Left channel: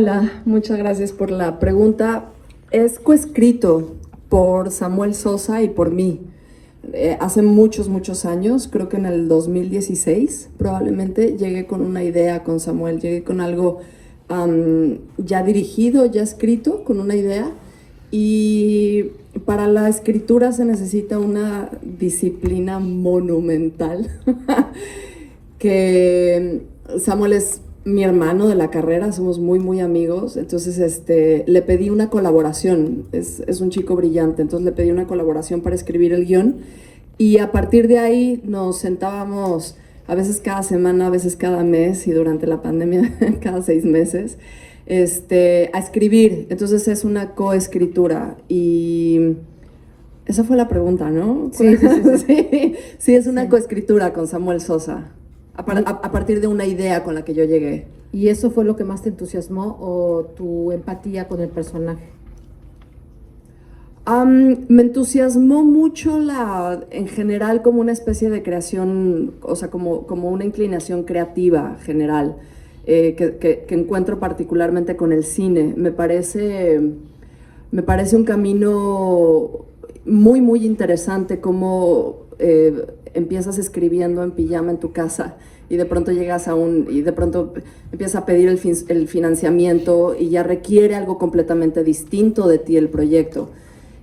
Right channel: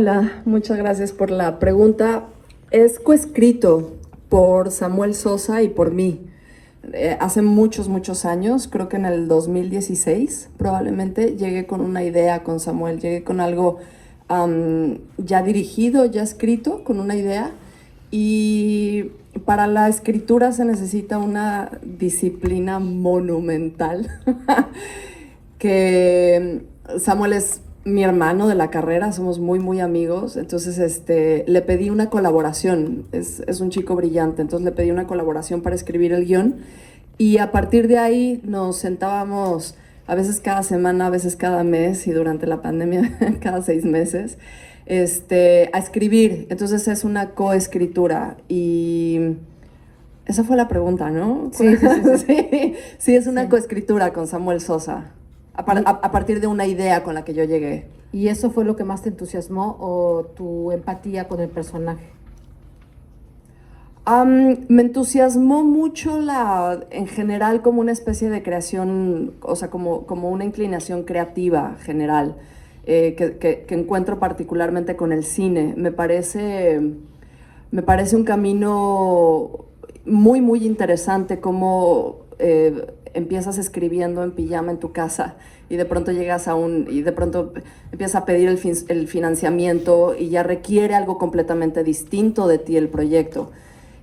Hola, muchas gracias por la pregunta. Es coescrito por Samuel Sosa y por mí. Hace muchos años, creo que en el 2016 probablemente, llegué con una idea con Samuel, llegué con algo ya dirigido, ya escrito, con una idea. Y para la escritura se necesita una disciplina monumental que Samuel es mi hermano de la carrera, somos muy amigos, entonces le pedí una colaboración, es un chico brillante, entonces le pedí una colaboración para escribir el guión y a partir de ahí nos sentábamos a veces cada semana, a veces cada mes y durante la pandemia cada 6 meses a escribir, entonces es una coescritura y esa fue la pregunta, ¿no? Sí, sí, es una coescritura con Samuel Sosa. A partir de una idea con la que yo llegué. ¿Y eso fue lo que más te entusiasmó o tu empatía con el personaje? Me entusiasmó mucho en general como una especie de creación, o sea, como una inclinación creativa general, que encuentro particularmente con el cine. Me parece un camino muy interesante como empiezas escribiendo en pijama en tu casa y de pronto y de pronto empiezas a pedir el financiamiento y ya requiere algo completamente distinto de ti el proyecto.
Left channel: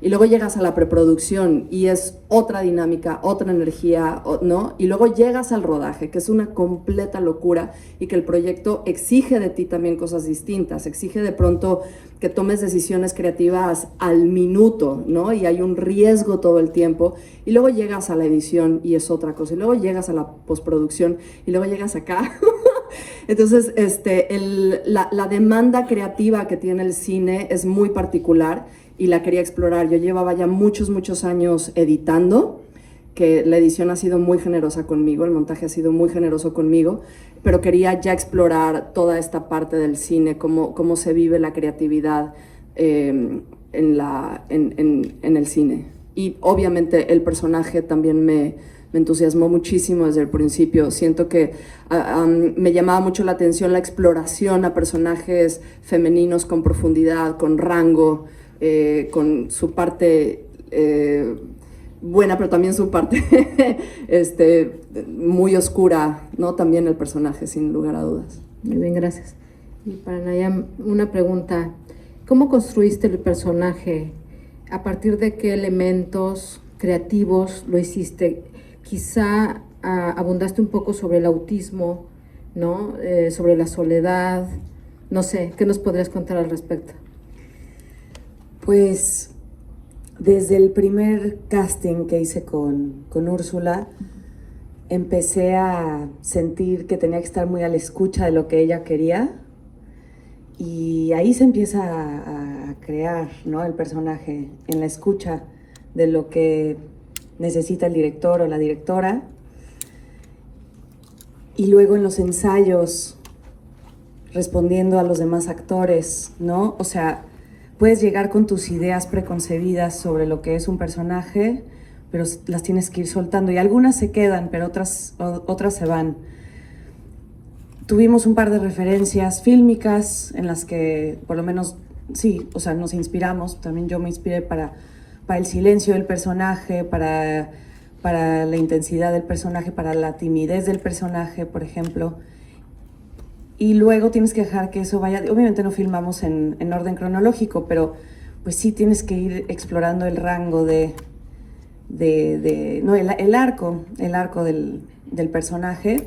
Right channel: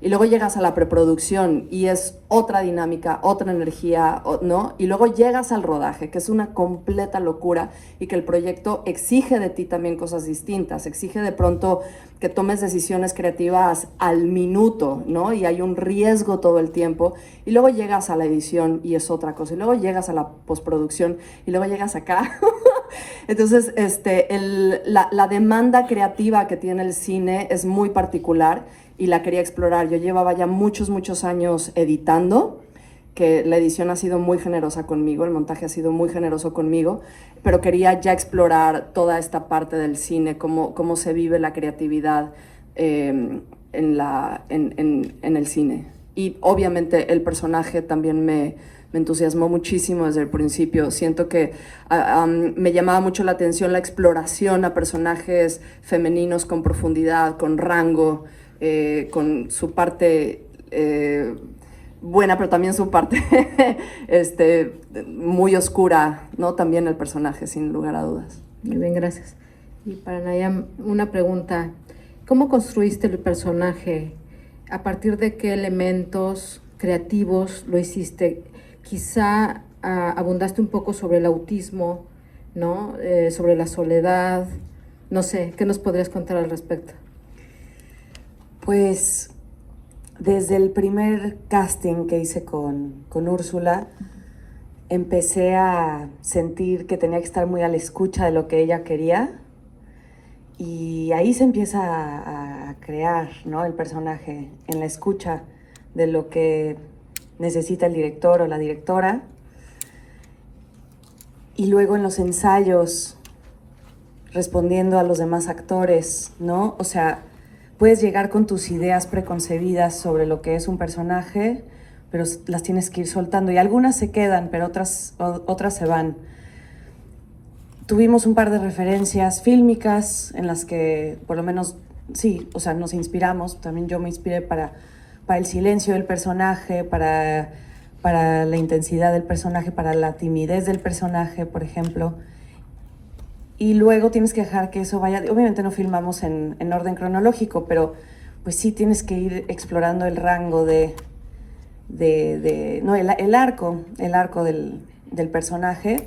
Y luego llegas a la preproducción y es otra dinámica, otra energía, ¿no? Y luego llegas al rodaje, que es una completa locura y que el proyecto exige de ti también cosas distintas, exige de pronto que tomes decisiones creativas al minuto, ¿no? Y hay un riesgo todo el tiempo. Y luego llegas a la edición y es otra cosa. Y luego llegas a la postproducción y luego llegas acá. Entonces, la demanda creativa que tiene el cine es muy particular y la quería explorar. Yo llevaba ya muchos años editando, que la edición ha sido muy generosa conmigo, el montaje ha sido muy generoso conmigo, pero quería ya explorar toda esta parte del cine, cómo se vive la creatividad en el cine. Y obviamente el personaje también me entusiasmó muchísimo desde el principio. Siento que me llamaba mucho la atención la exploración a personajes femeninos con profundidad, con rango, con su parte buena, pero también su parte muy oscura, ¿no? También el personaje, sin lugar a dudas. Muy bien, gracias. Y para Naya, una pregunta. ¿Cómo construiste el personaje? ¿A partir de qué elementos creativos lo hiciste? Quizá abundaste un poco sobre el autismo, ¿no? Sobre la soledad. No sé, ¿qué nos podrías contar al respecto? Pues desde el primer casting que hice con Úrsula, empecé a sentir que tenía que estar muy a la escucha de lo que ella quería y ahí se empieza a crear, ¿no? El personaje, en la escucha de lo que necesita el director o la directora y luego en los ensayos respondiendo a los demás actores, ¿no? O sea, puedes llegar con tus ideas preconcebidas sobre lo que es un personaje, pero las tienes que ir soltando y algunas se quedan, pero otras se van. Tuvimos un par de referencias fílmicas en las que por lo menos, sí, o sea, nos inspiramos. También yo me inspiré para el silencio del personaje, para la intensidad del personaje, para la timidez del personaje, por ejemplo. Y luego tienes que dejar que eso vaya, obviamente no filmamos en orden cronológico, pero pues sí tienes que ir explorando el rango no, el arco del personaje,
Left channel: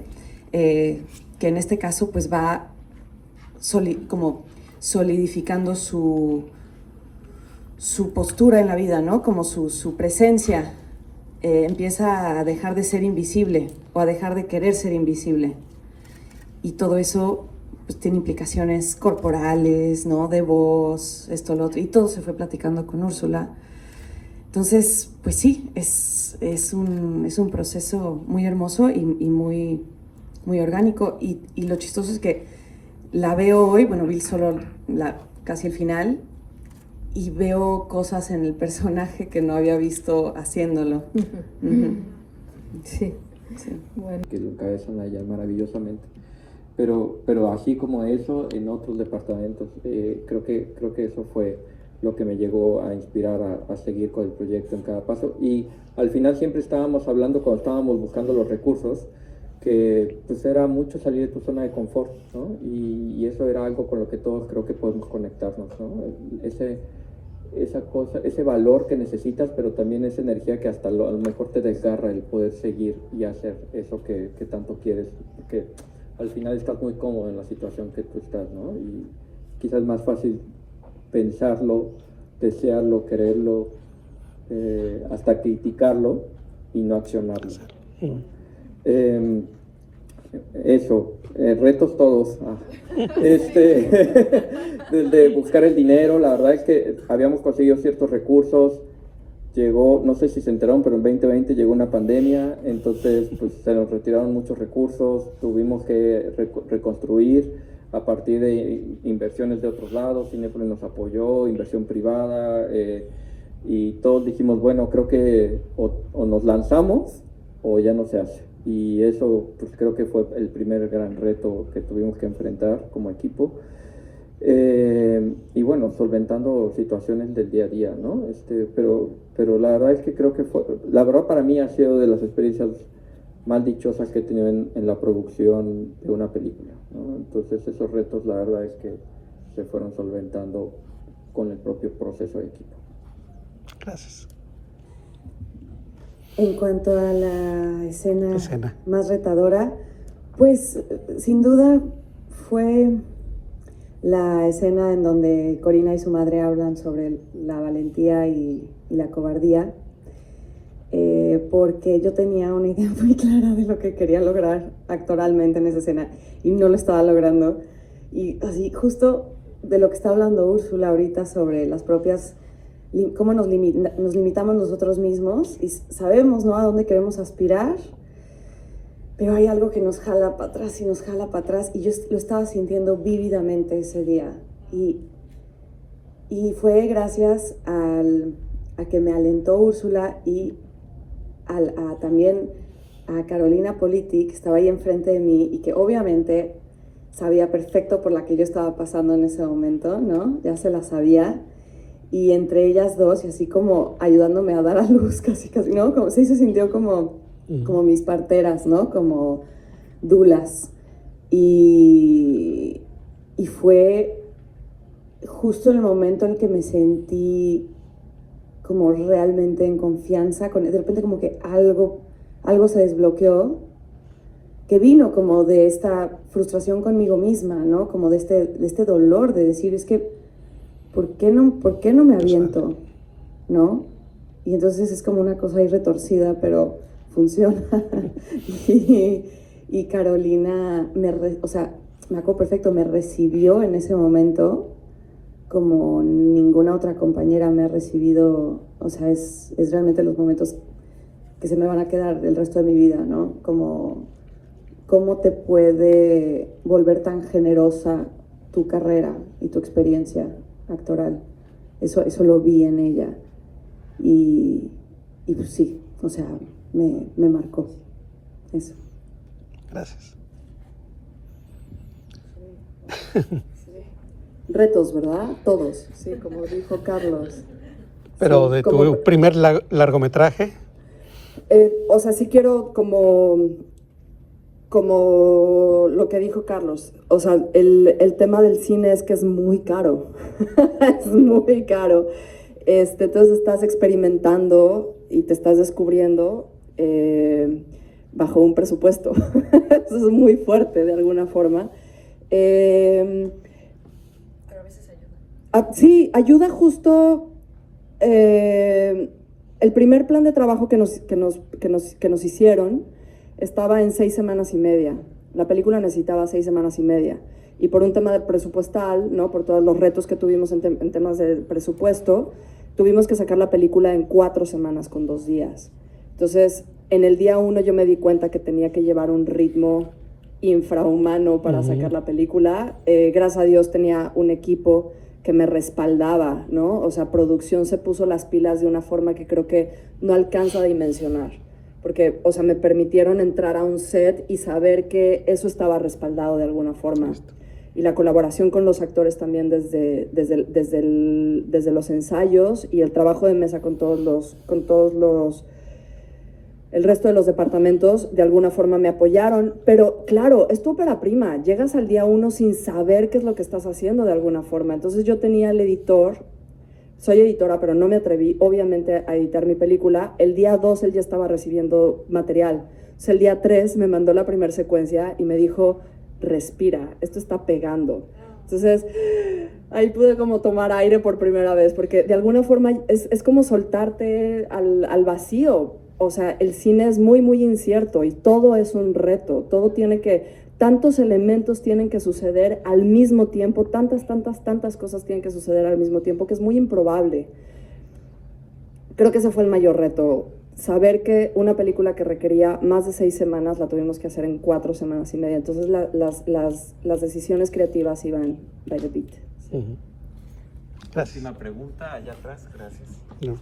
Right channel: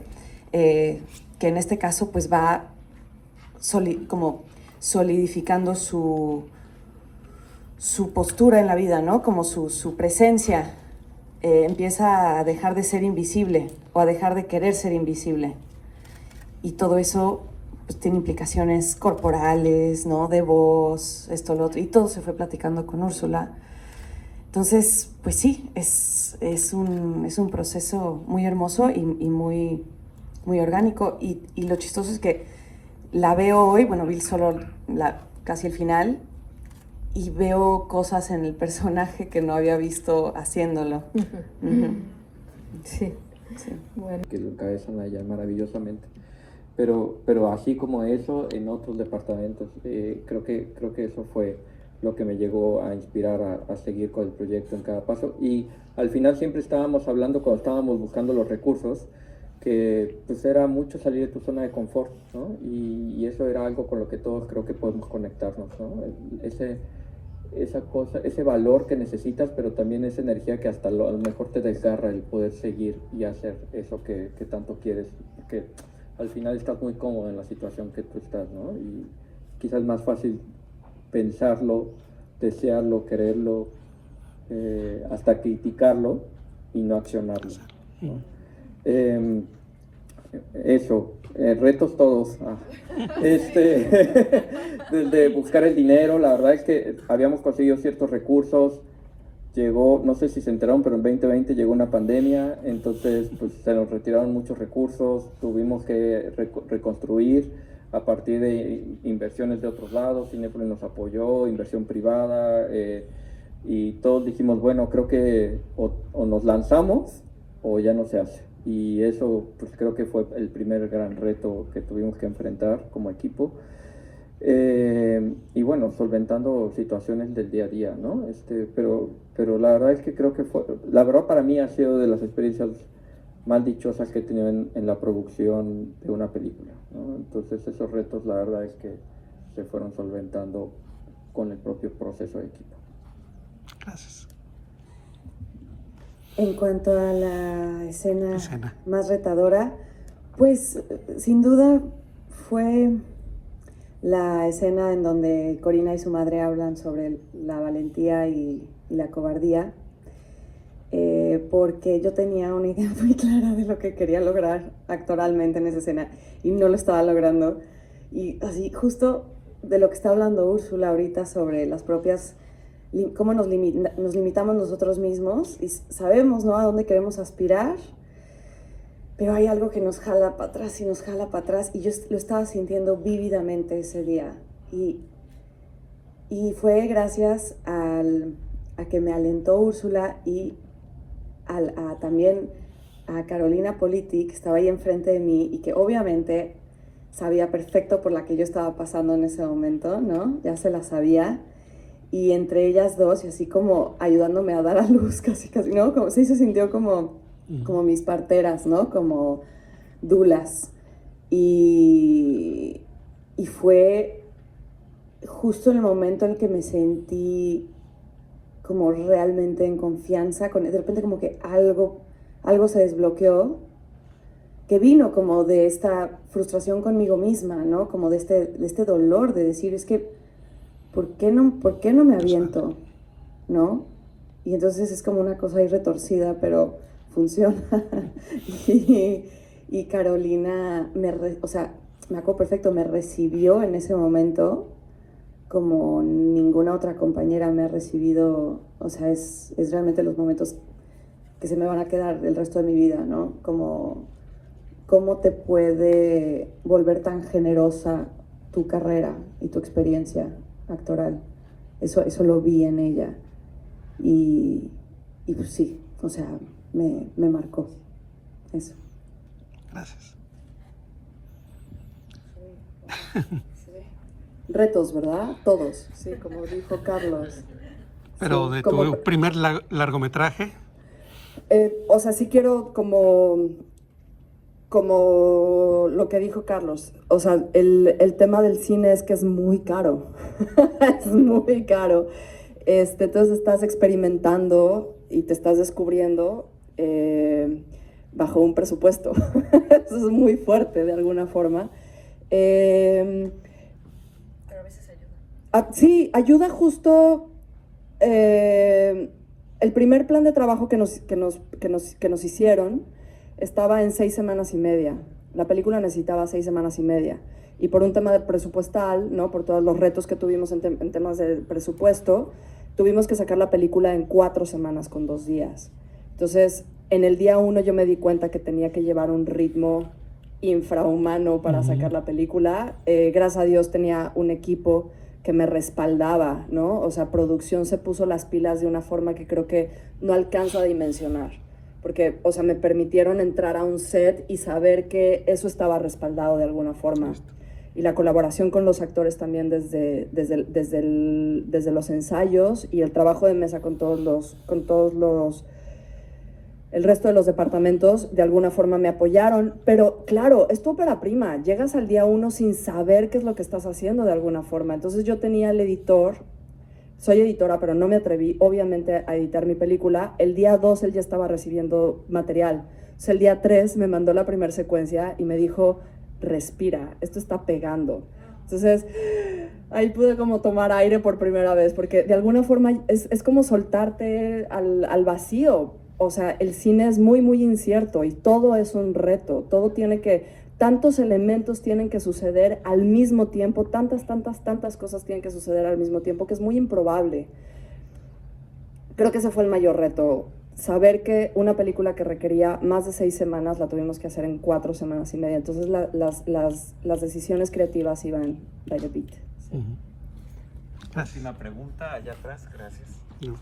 que en este caso pues va como solidificando su postura en la vida, ¿no? Como su presencia empieza a dejar de ser invisible o a dejar de querer ser invisible. Y todo eso pues, tiene implicaciones corporales, ¿no? De voz, esto, lo otro. Y todo se fue platicando con Úrsula. Entonces, pues sí, es un proceso muy hermoso y muy orgánico. Y lo chistoso es que la veo hoy, bueno, vi solo casi el final, y veo cosas en el personaje que no había visto haciéndolo. Sí. Sí. Bueno. Que lo cabeza Naya maravillosamente. pero así como eso, en otros departamentos. Creo que eso fue lo que me llegó a inspirar a seguir con el proyecto en cada paso. Y al final siempre estábamos hablando, cuando estábamos buscando los recursos, que pues era mucho salir de tu zona de confort, ¿no? Y eso era algo con lo que todos creo que podemos conectarnos, ¿no? Esa cosa, ese valor que necesitas, pero también esa energía que hasta a lo mejor te desgarra el poder seguir y hacer eso que tanto quieres, porque al final estás muy cómodo en la situación que tú estás, ¿no? Y quizás es más fácil pensarlo, desearlo, quererlo, hasta criticarlo y no accionarlo. Eso, retos todos. De buscar el dinero, la verdad es que habíamos conseguido ciertos recursos. Llegó, no sé si se enteraron, pero en 2020 llegó una pandemia, entonces pues se nos retiraron muchos recursos, tuvimos que reconstruir a partir de inversiones de otros lados. Cinépolis nos apoyó, inversión privada, y todos dijimos, bueno, creo que o nos lanzamos o ya no se hace. Y eso pues creo que fue el primer gran reto que tuvimos que enfrentar como equipo. Y bueno, solventando situaciones del día a día, ¿no? Pero la verdad es que creo que la verdad para mí ha sido de las experiencias más dichosas que he tenido en la producción de una película, ¿no? Entonces esos retos la verdad es que se fueron solventando con el propio proceso de equipo. Gracias. En cuanto a la escena más retadora, pues sin duda fue la escena en donde Corina y su madre hablan sobre la valentía y la cobardía, porque yo tenía una idea muy clara de lo que quería lograr actoralmente en esa escena y no lo estaba logrando. Y así justo de lo que está hablando Úrsula ahorita sobre las propias, cómo nos limitamos nosotros mismos y sabemos, ¿no?, a dónde queremos aspirar, pero hay algo que nos jala para atrás y nos jala para atrás, y yo lo estaba sintiendo vívidamente ese día. Y fue gracias a que me alentó Úrsula y también a Carolina Politi, que estaba ahí enfrente de mí y que obviamente sabía perfecto por la que yo estaba pasando en ese momento, ¿no? Ya se la sabía. Y entre ellas dos, y así como ayudándome a dar a luz, casi, ¿no? Como se sintió como mis parteras, ¿no? Como dulas. Y fue justo el momento en que me sentí como realmente en confianza, de repente como que algo se desbloqueó, que vino como de esta frustración conmigo misma, ¿no? Como de este dolor de decir, es que ¿por qué no me aviento? ¿No? Y entonces es como una cosa ahí retorcida, pero funciona. y Carolina, me acuerdo perfecto, me recibió en ese momento como ninguna otra compañera me ha recibido. O sea, es realmente los momentos que se me van a quedar el resto de mi vida, ¿no? Como cómo te puede volver tan generosa tu carrera y tu experiencia actoral. Eso lo vi en ella y pues sí, o sea, me marcó eso. Gracias. Retos, ¿verdad? Todos, sí, como dijo Carlos. Pero sí, de tu primer largometraje. O sea, sí quiero como lo que dijo Carlos, o sea, el tema del cine es que es muy caro, es muy caro. Entonces estás experimentando y te estás descubriendo bajo un presupuesto. Eso es muy fuerte de alguna forma. Pero a veces ayuda. Sí, ayuda justo. El primer plan de trabajo que nos hicieron estaba en 6 semanas y media. La película necesitaba 6 semanas y media. Y por un tema de presupuestal, ¿no?, por todos los retos que tuvimos en temas de presupuesto, tuvimos que sacar la película en 4 semanas con 2 días. Entonces, en el día 1 yo me di cuenta que tenía que llevar un ritmo infrahumano para sacar la película. Gracias a Dios tenía un equipo que me respaldaba, ¿no? O sea, producción se puso las pilas de una forma que creo que no alcanza a dimensionar. porque, o sea, me permitieron entrar a un set y saber que eso estaba respaldado de alguna forma. Y la colaboración con los actores también desde los ensayos y el trabajo de mesa con el resto de los departamentos, de alguna forma me apoyaron, pero claro, es tu ópera prima, llegas al día 1 sin saber qué es lo que estás haciendo de alguna forma. Entonces yo tenía el editor, soy editora, pero no me atreví obviamente a editar mi película. El día 2 él ya estaba recibiendo material. Entonces el día 3 me mandó la primera secuencia y me dijo, respira, esto está pegando. Entonces ahí pude como tomar aire por primera vez, porque de alguna forma es como soltarte al vacío. O sea, el cine es muy, muy incierto y todo es un reto. Todo tiene tantos elementos tienen que suceder al mismo tiempo, tantas cosas tienen que suceder al mismo tiempo, que es muy improbable. Creo que ese fue el mayor reto. Saber que una película que requería más de 6 semanas la tuvimos que hacer en 4 semanas y media. Entonces las decisiones creativas iban by the beat. Gracias. Última pregunta, allá atrás, gracias. No.